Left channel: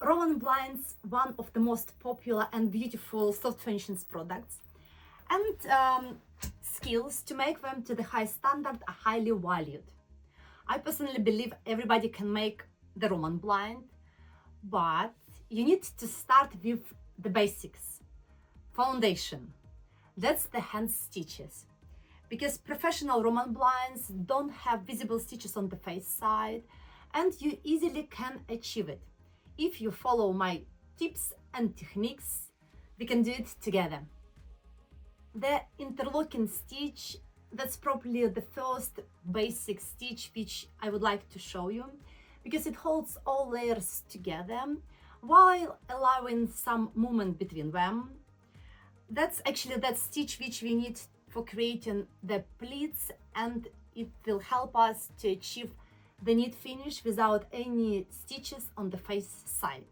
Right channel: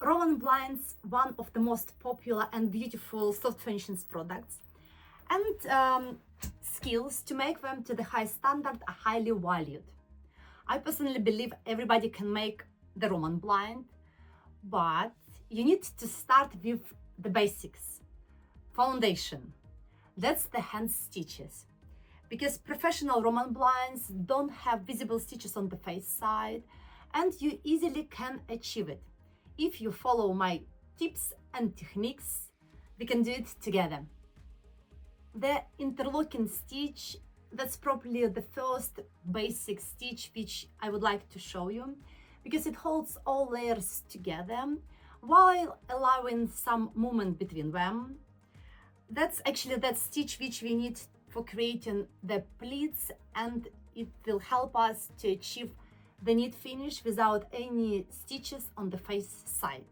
Roman blinds, one of the most popular and beautiful soft furnishings products, and skills to make them to the high standard are highly valued. I personally believe everybody can make the Roman blind, but you need to start with the basics. Foundation. That's the hand stitches. Because professional Roman blinds don't have visible stitches on the face side, and you easily can achieve it. If you follow my tips and techniques, we can do it together. The interlocking stitch, that's probably the first basic stitch which I would like to show you, because it holds all layers together while allowing some movement between them. That's actually that stitch which we need for creating the pleats, and it will help us to achieve the neat finish without any stitches on the face side.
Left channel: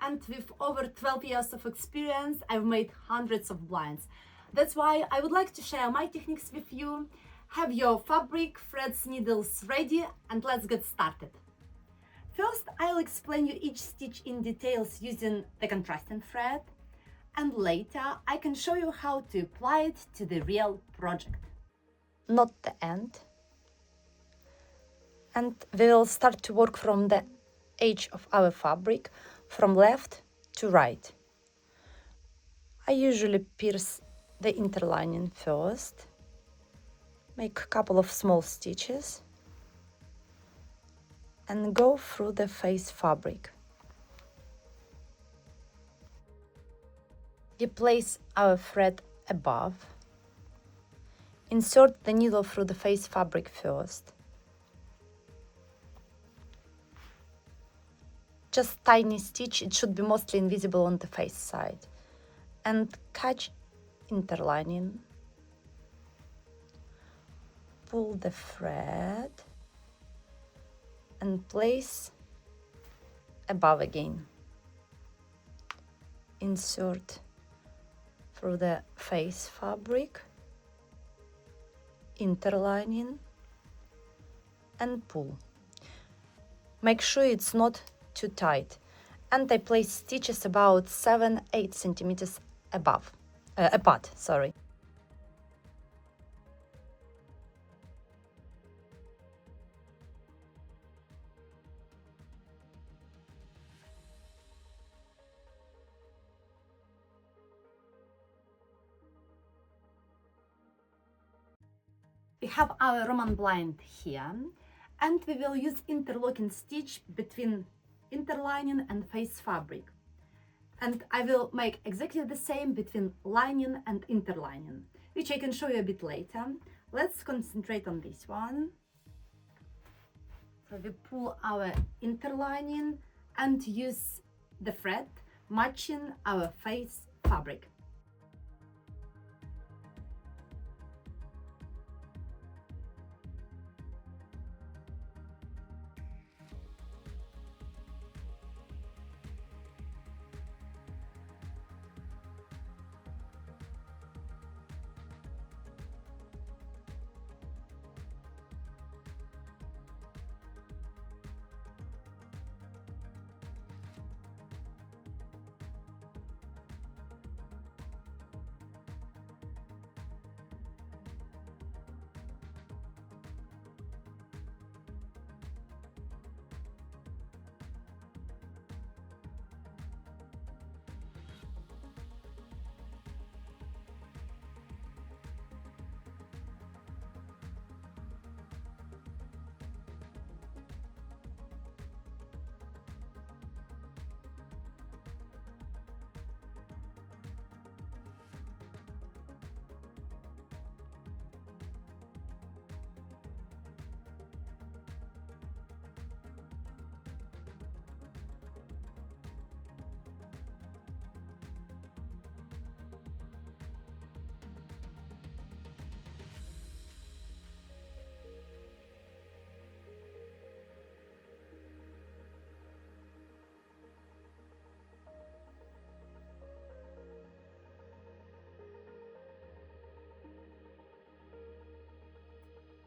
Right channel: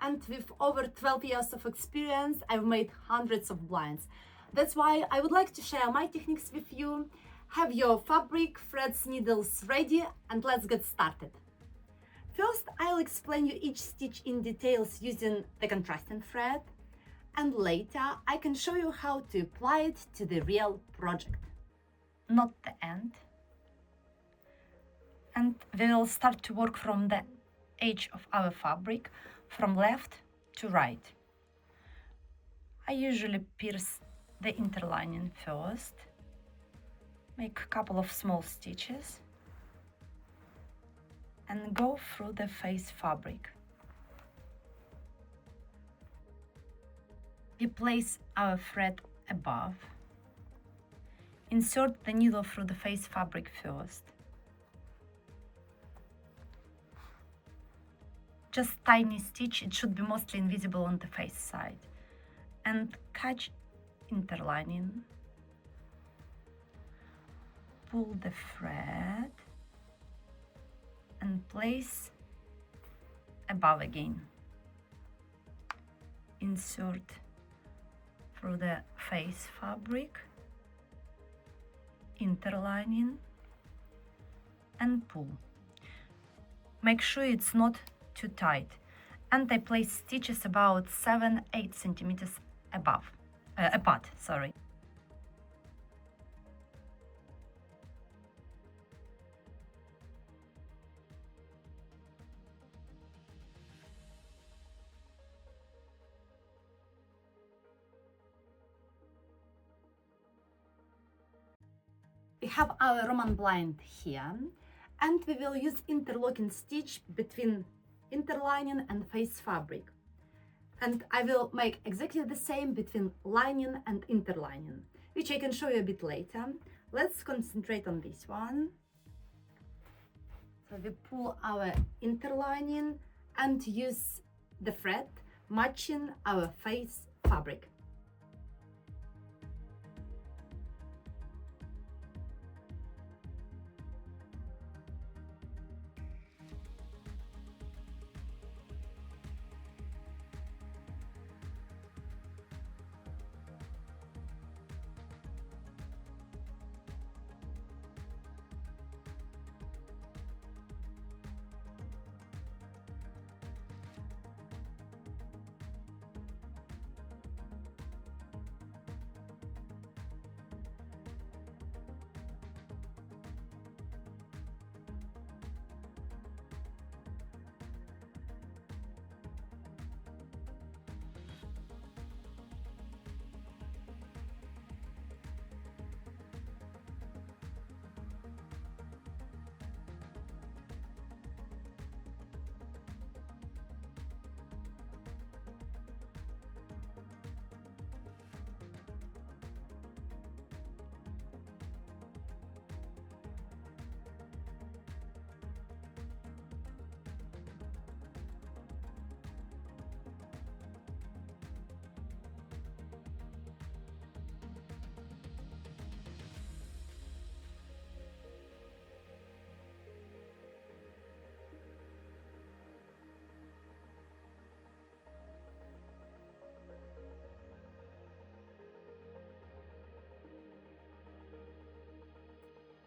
And with over 12 years of experience, I've made hundreds of blinds. That's why I would like to share my techniques with you. Have your fabric, threads, needles ready, and let's get started. First, I'll explain you each stitch in details using the contrasting thread, and later I can show you how to apply it to the real project. Not the end. And we will start to work from the edge of our fabric, from left to right. I usually pierce the interlining first, make a couple of small stitches, and go through the face fabric. We place our thread above, insert the needle through the face fabric first, just tiny stitch, it should be mostly invisible on the face side, and catch interlining, pull the thread and place above again, insert through the face fabric, interlining and pull. Make sure it's not too tight, and I place stitches about 7-8 centimeters apart. We have our Roman blind here, and we will use interlocking stitch between interlining and face fabric. And I will make exactly the same between lining and interlining, which I can show you a bit later. Let's concentrate on this one. So we pull our interlining and use the thread matching our face fabric.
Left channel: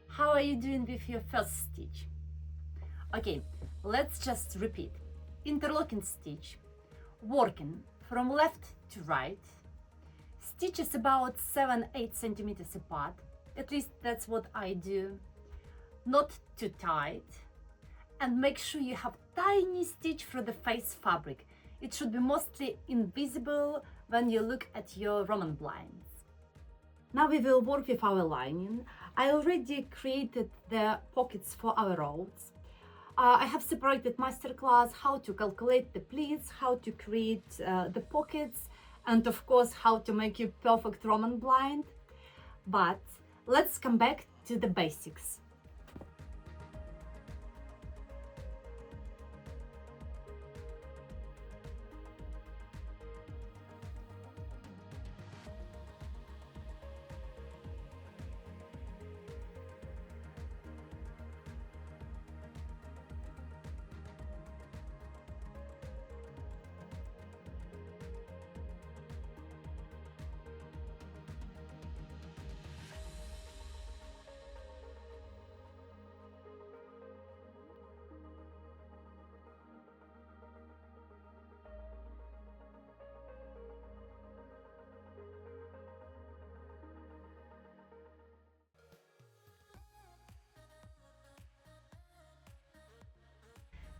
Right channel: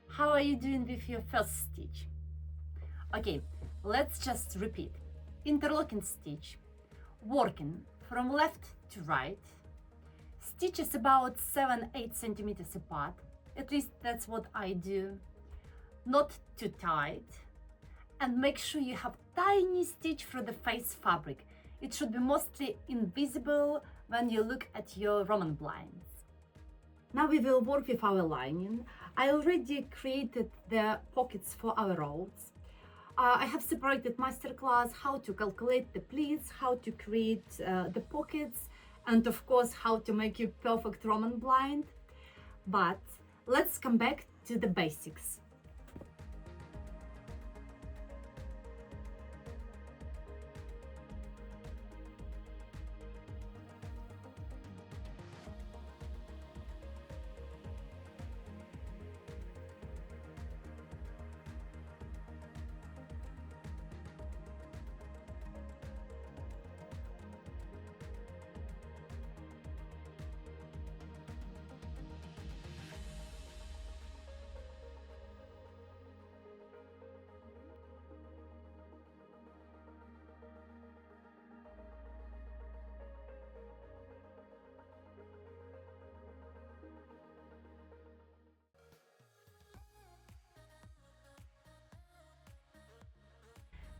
How are you doing with your first stitch? Okay, let's just repeat. interlocking stitch, working from left to right. Stitches about 7-8 centimeters apart, at least that's what I do. Not too tight. And make sure you have tiny stitch through the face fabric. It should be mostly invisible when you look at your Roman blinds. Now we will work with our lining. I already created the pockets for our rolls. I have separated masterclass how to calculate the pleats, how to create the pockets, and of course how to make your perfect Roman blind. But let's come back to the basics.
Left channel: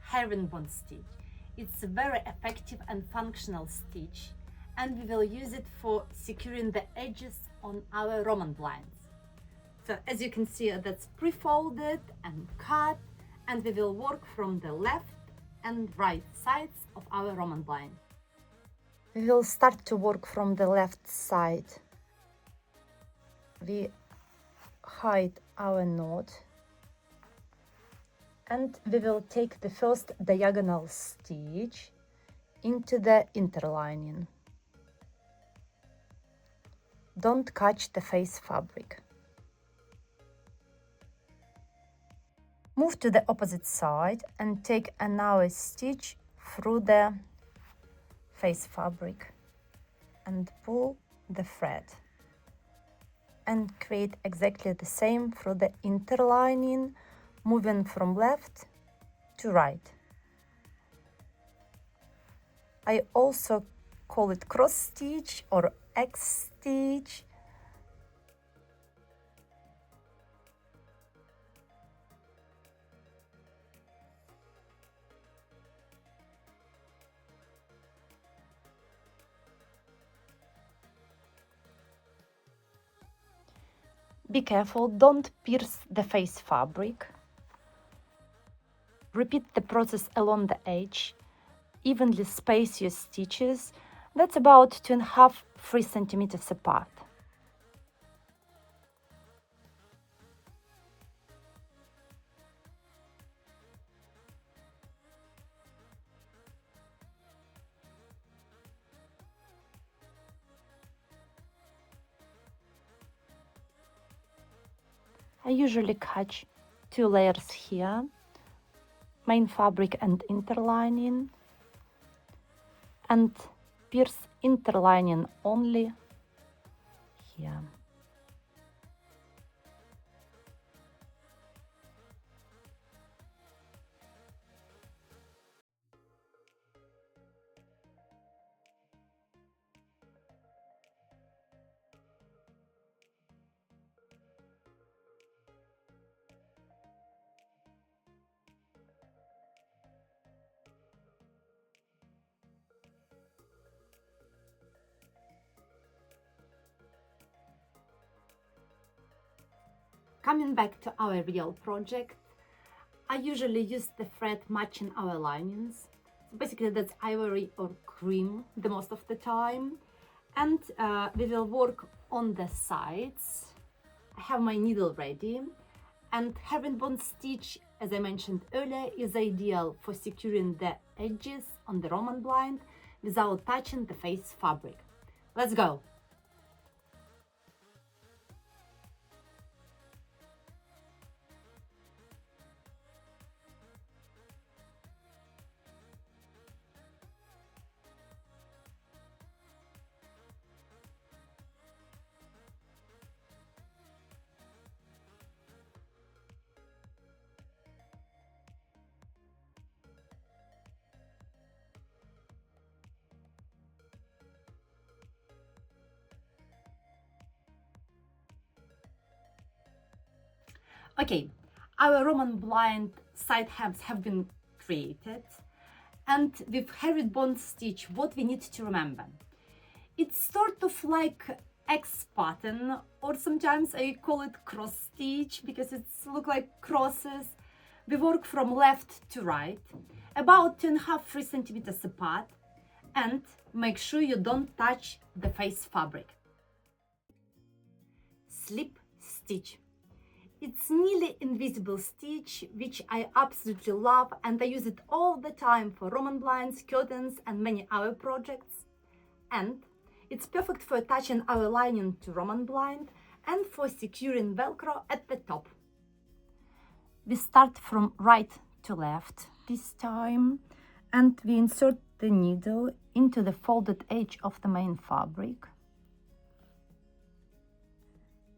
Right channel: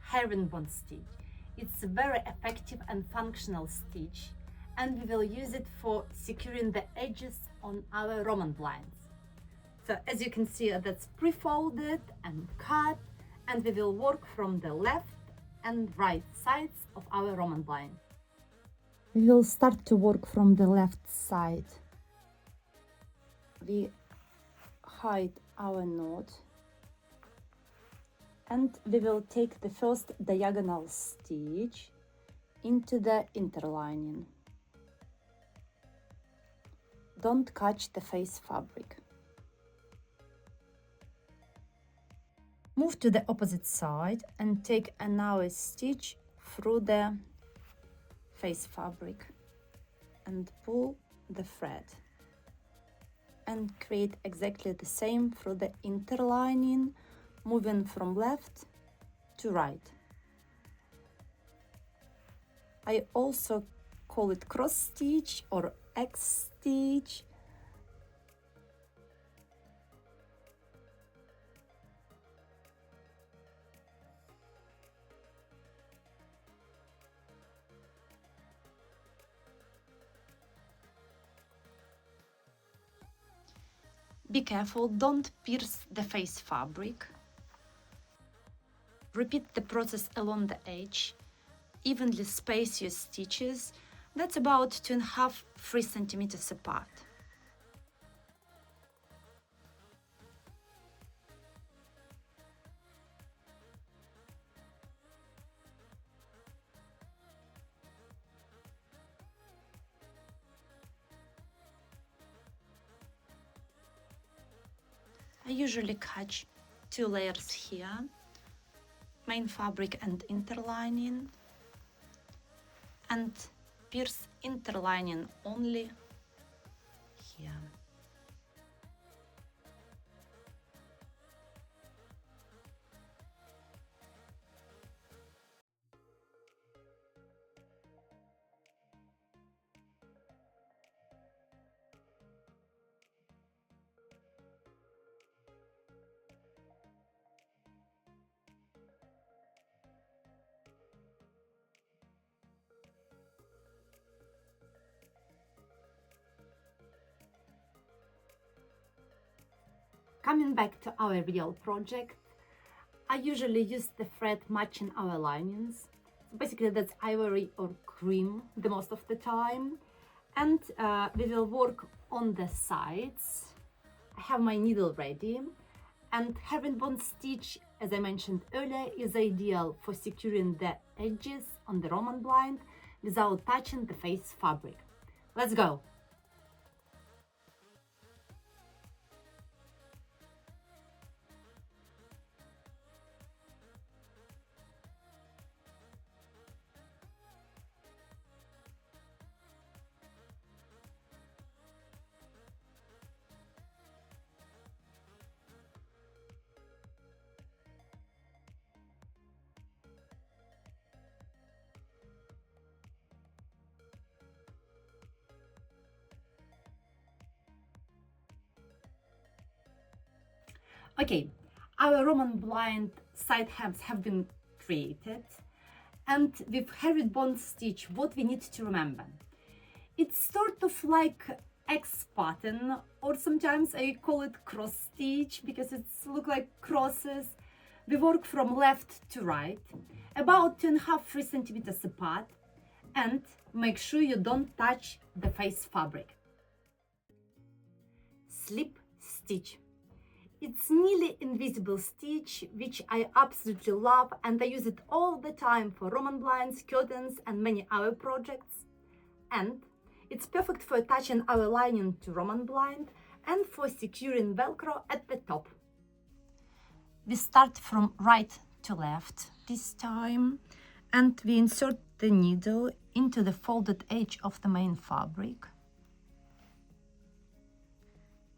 Herringbone stitch. It's a very effective and functional stitch, and we will use it for securing the edges on our Roman blinds. So as you can see, that's pre-folded and cut, and we will work from the left and right sides of our Roman blind. We will start to work from the left side. We hide our knot, and we will take the first diagonal stitch into the interlining. Don't catch the face fabric. Move to the opposite side and take another stitch through the face fabric and pull the thread and create exactly the same through the interlining, moving from left to right. I also call it cross stitch or X stitch. Be careful, don't pierce the face fabric. Repeat the process along the edge. Evenly space your stitches. That's about 2.5–3 centimeters apart. I usually catch 2 layers here, main fabric and interlining, and pierce interlining only here. Coming back to our real project, I usually use the thread matching our linings. Basically that's ivory or cream the most of the time. And we will work on the sides. I have my needle ready. And herringbone stitch, as I mentioned earlier, is ideal for securing the edges on the Roman blind without touching the face fabric. Let's go! Okay, our Roman blind side hems have been created, and with herringbone stitch, what we need to remember, it's sort of like X pattern, or sometimes I call it cross stitch because it's look like crosses. We work from left to right, about 2.5–3 centimeters apart, and make sure you don't touch the face fabric. Slip stitch. It's nearly invisible stitch, which I absolutely love, and I use it all the time for Roman blinds, curtains, and many other projects. And it's perfect for attaching our lining to Roman blind and for securing Velcro at the top. We start from right to left this time, and we insert the needle into the folded edge of the main fabric,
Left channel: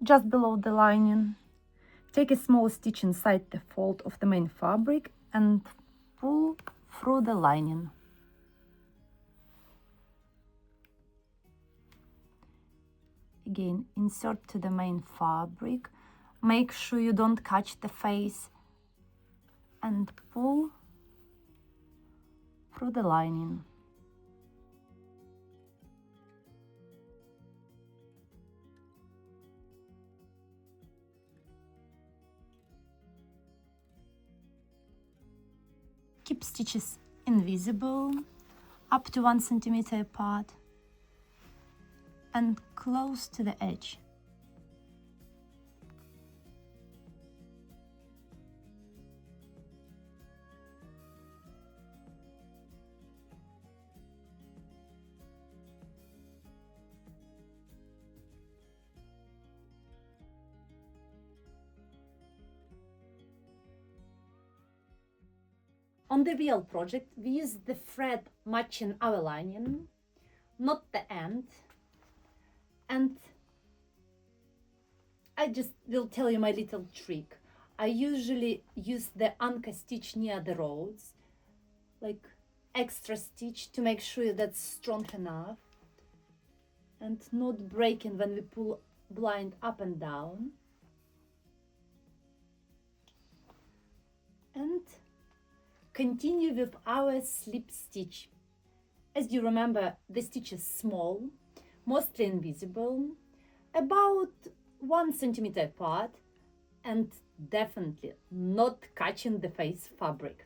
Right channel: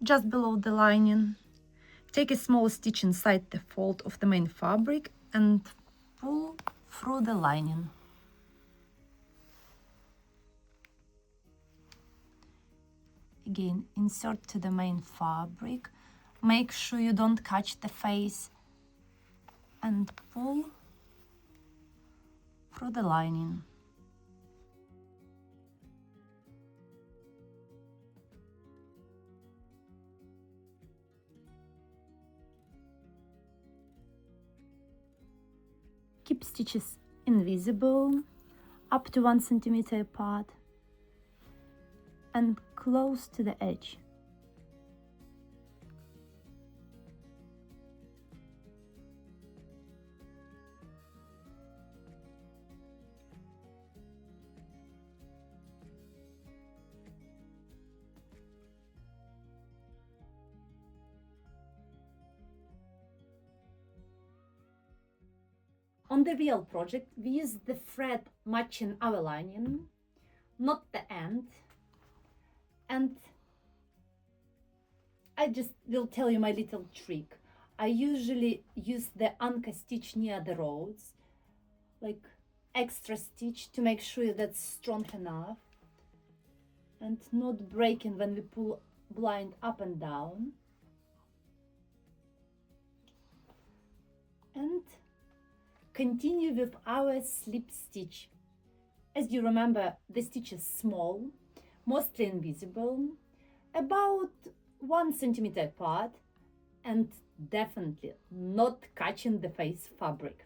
just below the lining. Take a small stitch inside the fold of the main fabric and pull through the lining. Again, insert to the main fabric. Make sure you don't catch the face and pull through the lining. Keep stitches invisible, up to 1 centimeter apart, and close to the edge. On the real project, we use the thread matching our lining, not the end. And I just will tell you my little trick. I usually use the anchor stitch near the rows, like extra stitch, to make sure that's strong enough and not breaking when we pull blind up and down. And continue with our slip stitch. As you remember, the stitch is small, mostly invisible, about 1 centimeter apart, and definitely not catching the face fabric.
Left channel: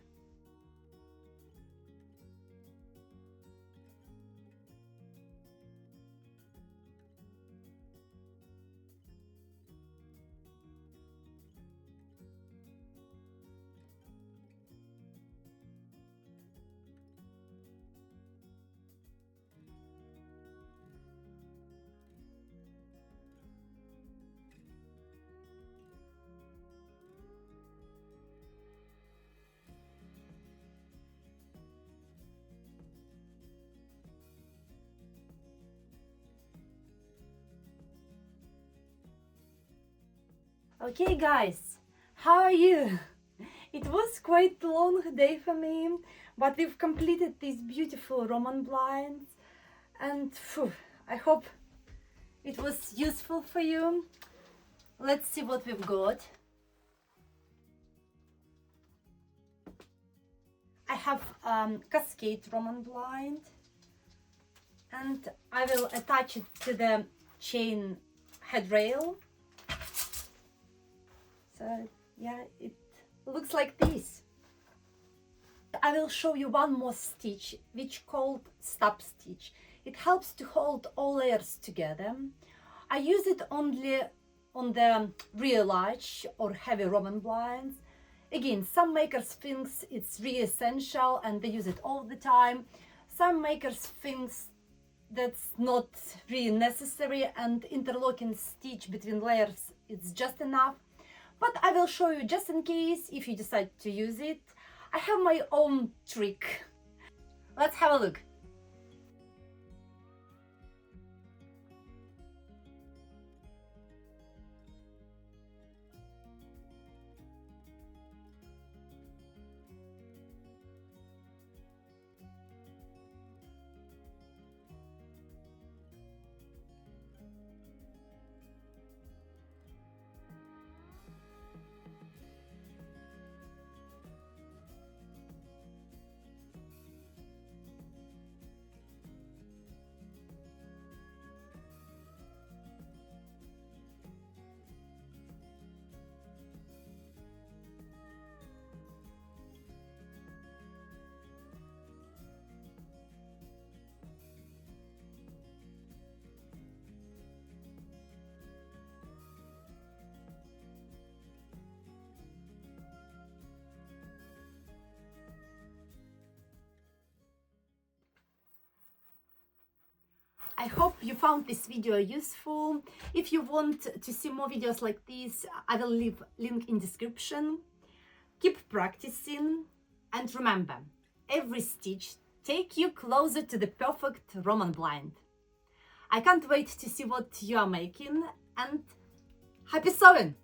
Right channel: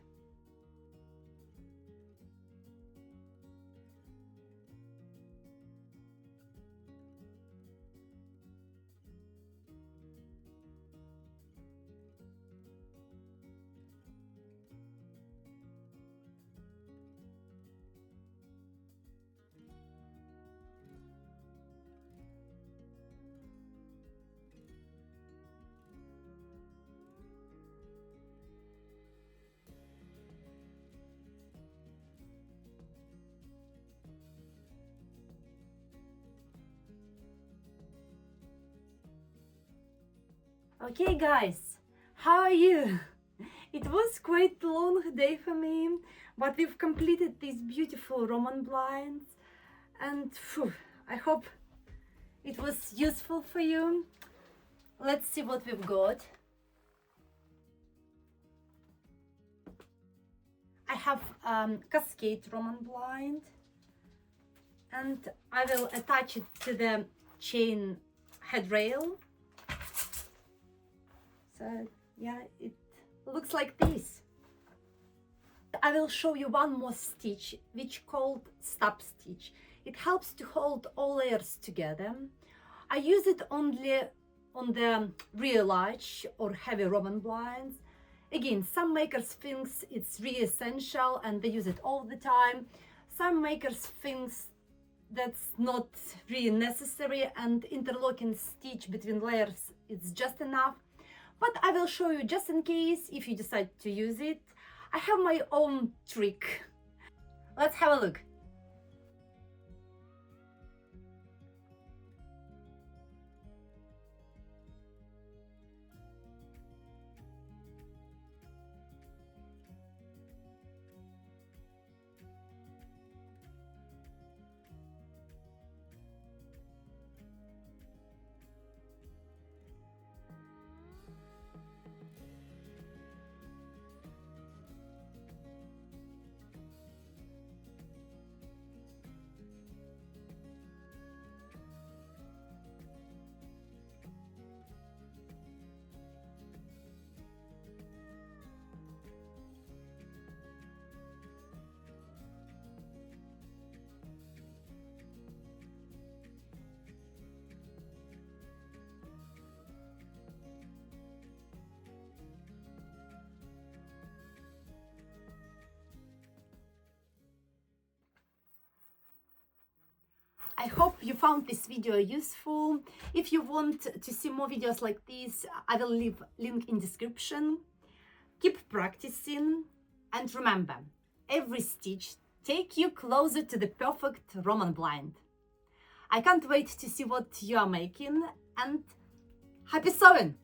Okay guys, how are you? It was quite a long day for me, but we've completed these beautiful Roman blinds, and I hope it was useful for you. Let's see what we've got. I have cascade Roman blind, and I will attach it to the chain headrail. So yeah, it looks like this. I will show you one more stitch, which called stub stitch. It helps to hold all layers together. I use it only on the real large or heavy Roman blinds. Again, some makers think it's really essential and they use it all the time. Some makers think that's not really necessary, and interlocking stitch between layers is just enough. But I will show you just in case if you decide to use it. I have my own trick. Let's have a look. I hope you found this video useful. If you want to see more videos like this, I will leave link in description. Keep practicing and remember, every stitch take you closer to the perfect Roman blind. I can't wait to see what you are making, and happy sewing!